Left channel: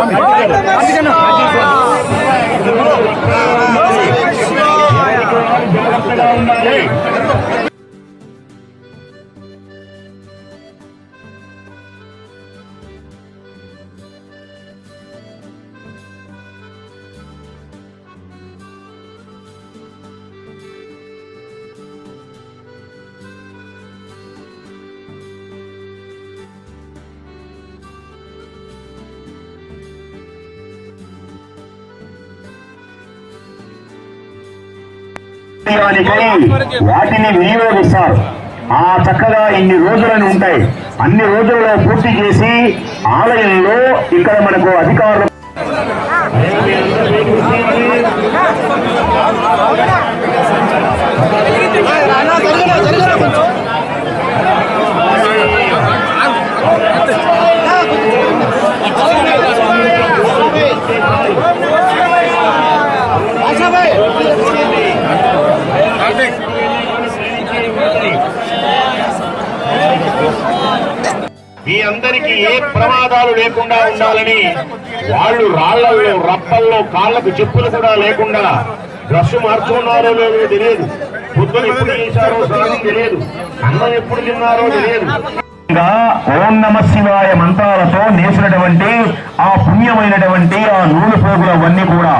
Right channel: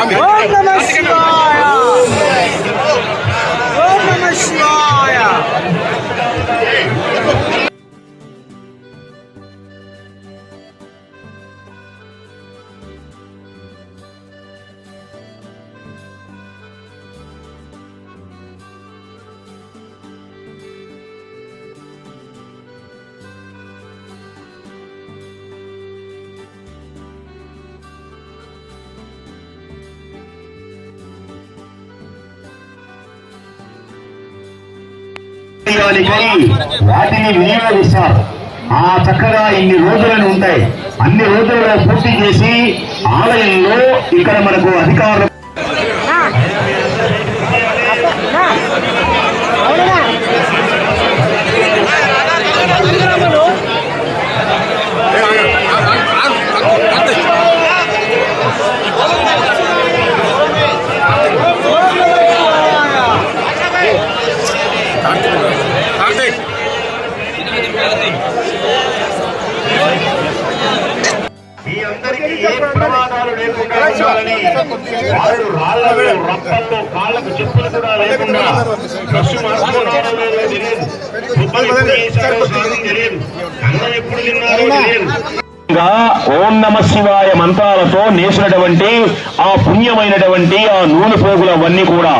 আমি ఉండాలి కానీ వాటిని వినియోగిస్తారు. ఆ చక్కగా ఇన్ని రోజులను ఉంటాయి. అన్ని రోజులలో పూర్తి చేసి ఆలయంలో ఇక్కడ మనకు అధికారులు కార్తీక్. మీ అందరికీ ఏ ప్రమాదాలు లేకుండా ఉండాలని వాళ్ళు రాళ్ళలో రప్పల్లో కాళ్ళకు చెప్పులు కూడా లేకుండా డ్రెస్ మార్చుకున్నారో లేదో తెలియదు. బుద్ధలు ఎప్పుడు వేశారో స్నానం తెలియదు. అన్నం ఎప్పుడు తిన్నారో తెలియదు. ఓం నమ శివాయ మంత్రాలతో నేసినటువంటి ఆ పుణ్యమైనటువంటి ఆ నూలు పోగులు అవన్నీ కూడా.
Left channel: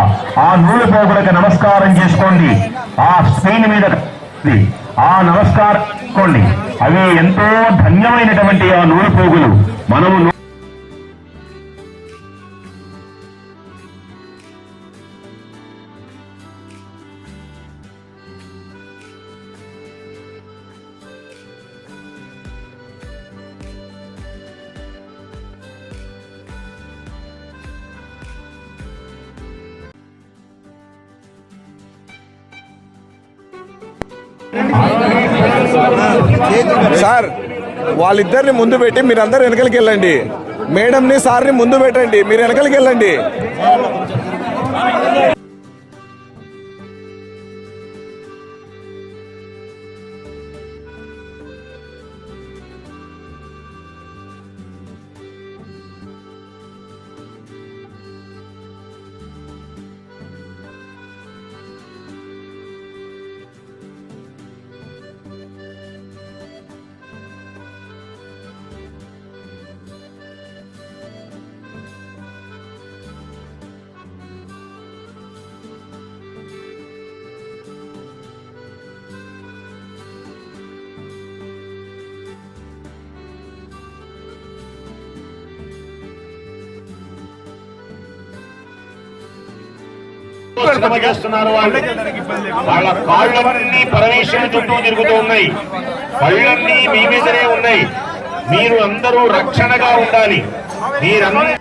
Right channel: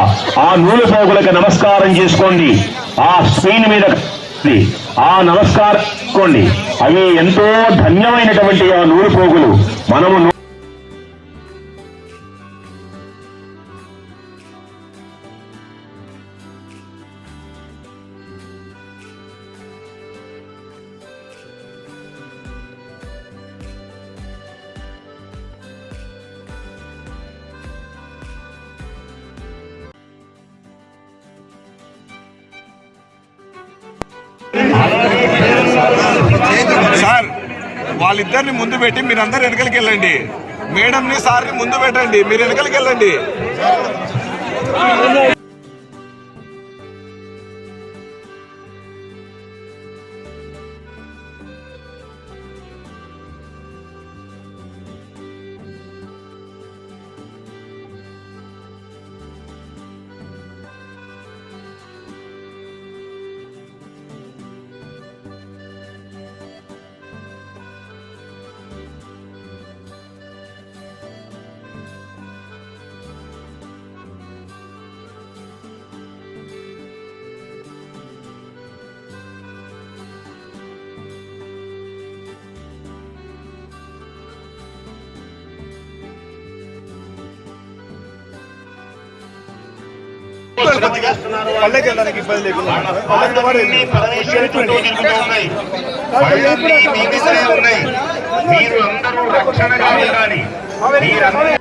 ఆ నూలు పోగులకు నమస్కారం చేసుకోండి. స్క్రీన్ మీద. ఆ నమస్కారం చేసుకోండి అవి ఎంతో సార్ వాళ్ళిద్దరిని ముందు పెట్టి మీరందరూ వెనకలికి వెళ్ళండి. మేడంని సార్ని ముందు పెట్టండి. మీరు వెనకలికి వెళ్ళండి. పల్లెకి వెళ్ళడానికి ఇబ్బంది ఉన్నాయి. మీదనే ఉన్నాయి. మీరు అందరూ రక్షణగా ఉండాలి. మీరందరూ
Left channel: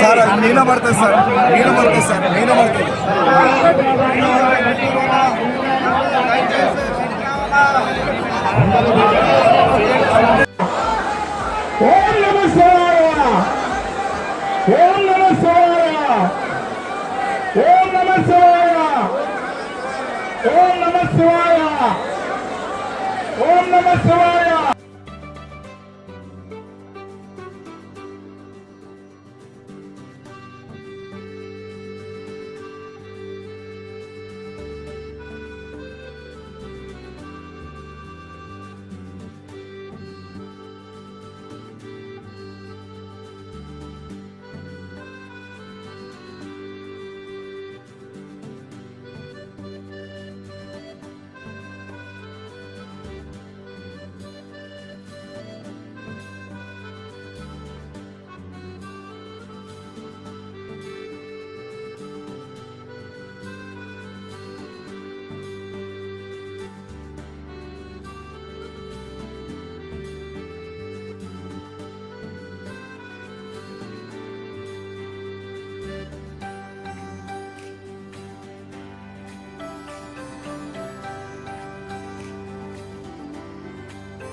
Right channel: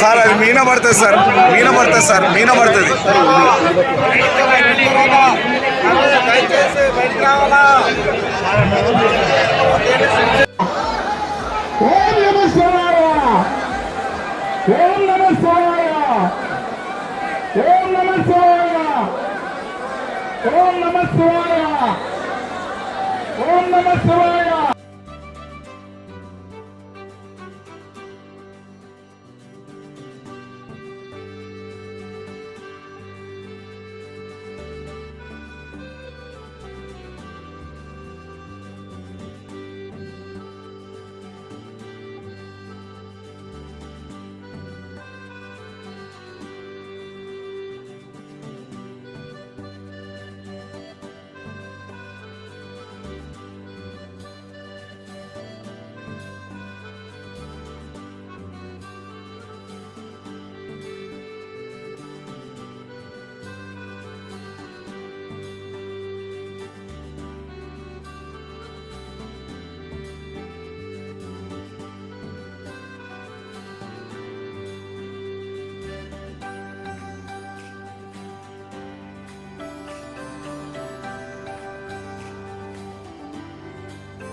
సార్ అది మీన పడుతుంది సార్. మీన పడుతుంది సార్. మీన పడుతుంది. ఓం నమ శివాయ ఓం నమ శివాయ